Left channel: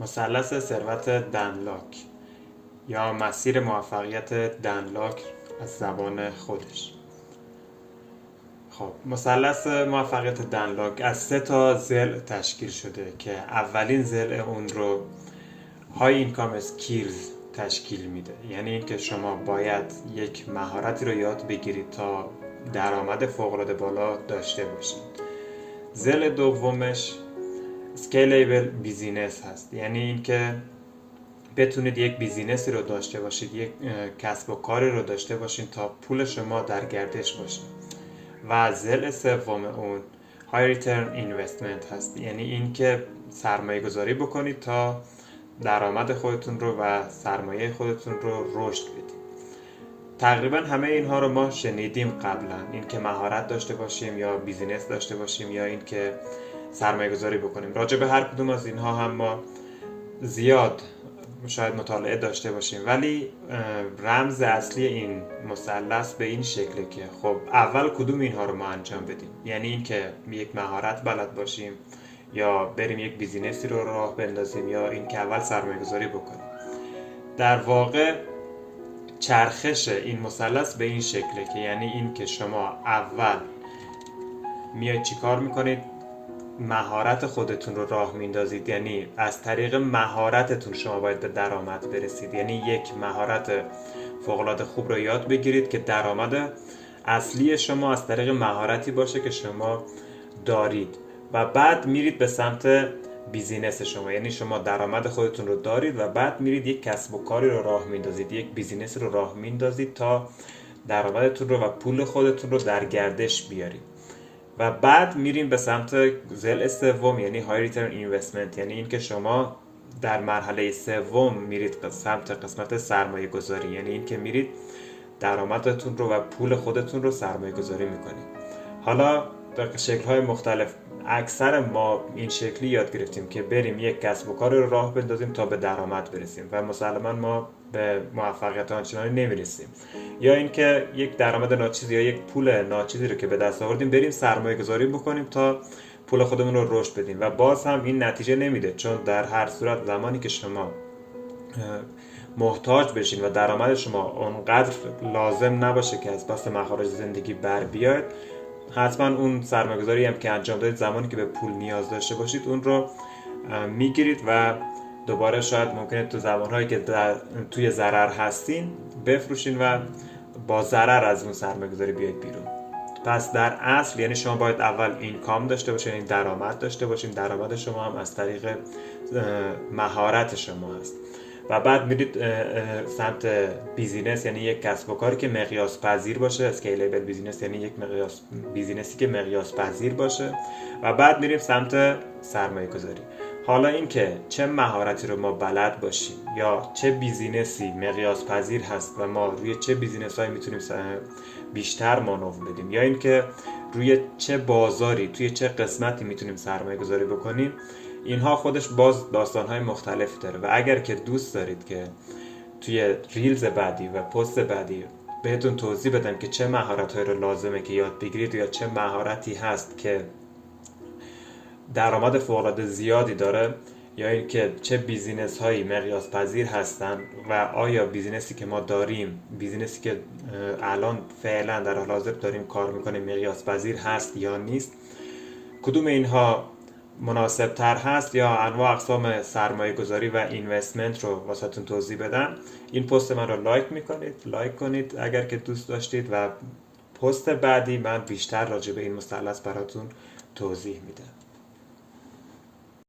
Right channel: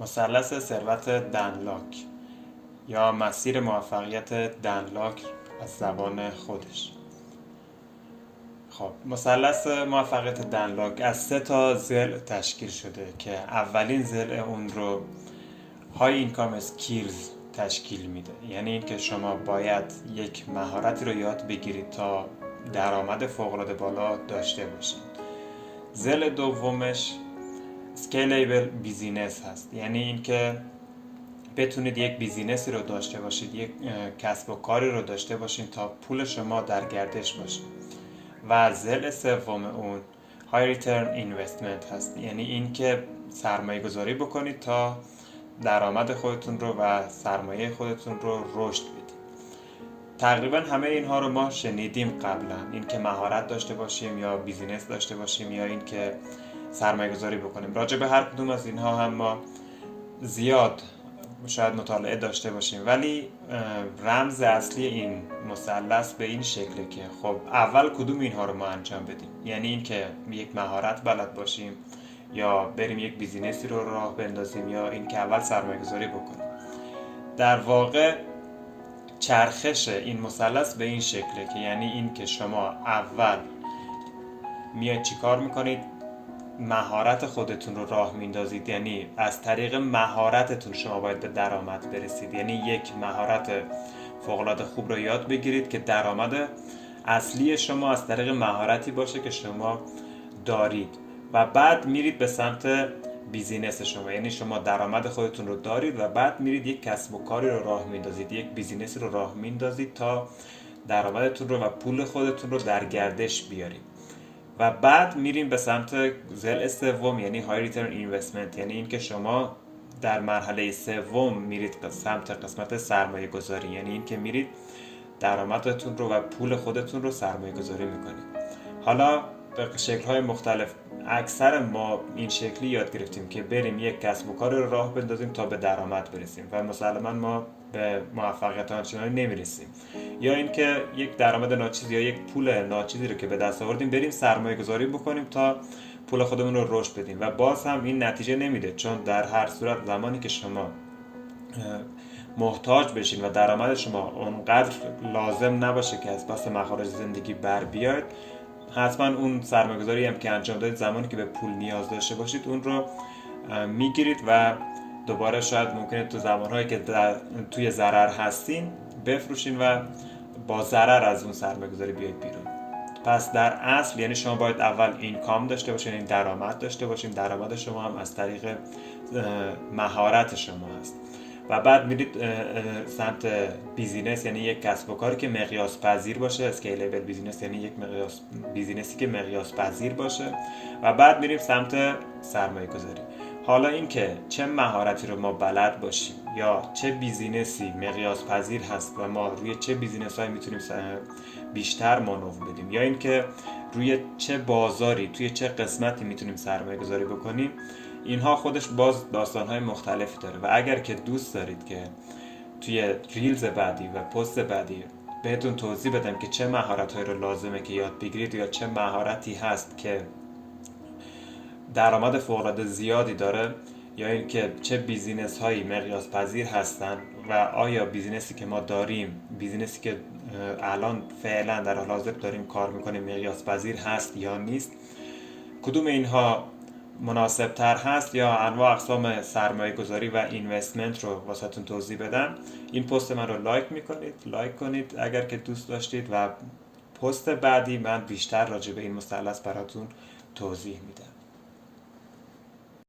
مثلث ثروت دنلاک یا مسیر موفقیت دنلاک از زبان خودش. خب مثلث موفقیت دنلاک از 3 تا ضلع تشکیل شده که اولین ضلع اون رو های اینکام اسکیلز تشکیل میده، یعنی این که شما باید یک مهارتی رو یاد بگیرید تا درآمد فوق‌العاده بالا داشته باشید. ضلع دومش اسکیلیبل بیزینس هست، یعنی این که بتونید یک بیزینسی رو داشته باشید، یک کسب و کاری رو داشته باشید تا پول شما در گردش باشه. و ضلع سوم اون های ریترن اینوستمنت هست، یعنی این که سرمایه گذاری بکنید تا درآمد خودتون رو و سرمایه خودتون رو رشد بدید. تقریبا همه اینها رو ما شنیدیم قبلا، این که مهارت داشته باشیم یا بیزینس داشته باشیم یا این که سرمایه گذاری بکنیم. راجع به هر کدوم از اینها هم ما زیاد شاید مطالعه داشته باشیم، ولی رمز اصلی این مثلث به این شکله که خب اول کدوم اینها رو ما انجام بدیم، یعنی این که یک مهارت بلد باشیم یا بریم یک بیزینسی رو راه بندازیم یا این که اول سرمایه گذاری بکنیم. در واقع چرخش این مثلث به این شکله که یعنی این که شما اول میاید چی کار میکنید؟ مهارت خودتون رو راه میندازید، یعنی از طریق مهارتتون شما باید به درآمد برسید، یعنی یک مهارت فوق‌العاده خوب رو یاد بگیرید که درآمد اصلی شما از طریق مهارتی باشه که شما دارید و بعد میرید به سمت بیزینس شما، یعنی شما درآمد خودتون رو دارید و بعد میرید یک کسب و کاری رو راه میندازید، یک بیزینس رو راه میندازید تا درآمدتون رو و پول خودتون رو در گردش بیارید و بعد میریم به سمت ضلع سوم، یعنی های ریترن اینوستمنت، یعنی این که شما در مرحله سوم میرید به سمت قسمت سرمایه گذاری، یعنی این که میرید درآمدتون رو و پول خودتون رو سرمایه گذاری میکنید. حالا به شکل‌های مختلف اکثر ما این شکلی یاد گرفتیم که بریم یک کسب و کار رو راه بندازیم تا به درآمد برسیم و مسلماً ما به موفقیت آنچنانی نمیرسیم، یا اینکه یک درآمد ناچیز یا یک پول ناچیزی رو که به دست آوردیم بریم سرمایه گذاری بکنیم تا پول خودمون رو رشد بدیم و باز هم این نتیجه نمیده، چون در هر صورت زمانی که شما محتاج بشین و درآمد شما اونقدر لازم نباشه که از پس مخارج زندگی بر بیاد، حتما اون سرمایه‌گذاری هم که انجام دادید زمانی که به پول نیاز داشته باشید اون رو میگیرید و دوباره شاید ممکنه تو زمانهایی که توی ضرر هستین بفروشین و با ضرر از اون سرمایه‌گذاری بیاید بیرون. پس در اصل یعنی شما باید اول اینکام داشته باشین، یعنی درآمد داشته باشین، درآمد شما هم از طریق مهارت شما هست و بعد میرید سمت بیزینس، یعنی یک کسب و کاری که مقیاس پذیر باشه، اسکیلیبل بیزینس یعنی یک بیزینسی که مقیاس پذیر باشه و بعد میریم سمت سرمایه گذاری. حالا این که چه مهارتی رو ما بلد باشیم یا چه بیزینسی مقیاس پذیر هست و ما روی چه بیزینس هایی میتونیم بیشتر مانور بدیم یا این که روی چه بازاری توی چه قسمتی میتونیم سرمایه گذاری بکنیم، اینها خودش باز داستان‌های مختلفی داره و اگر که دوست دارید که توی ریلز بعدی و پست بعدی بهتون توضیح بدم که چه مهارت‌هایی رو لازمه که یاد بگیرید یا چه مهارتی هست که درآمد فوق‌العاده زیادی داره یا این که چه بیزینس هایی مقیاس پذیر هستن و آیا بیزینسی که ما داریم، بیزینسی که الان فعلا در حال حاضر داریم کار میکنیم مقیاس پذیر هست یا نیست، کدوم اینها مناسب تر هست یا انواع اقسام سرمایه گذاری و اینوستمنت رو واسهتون توضیح بدم، این پست من رو لایک کنید اگر که دوست داشتید و پست بعدی من بیشتر راجع به این مثلث براتون توضیح میدم.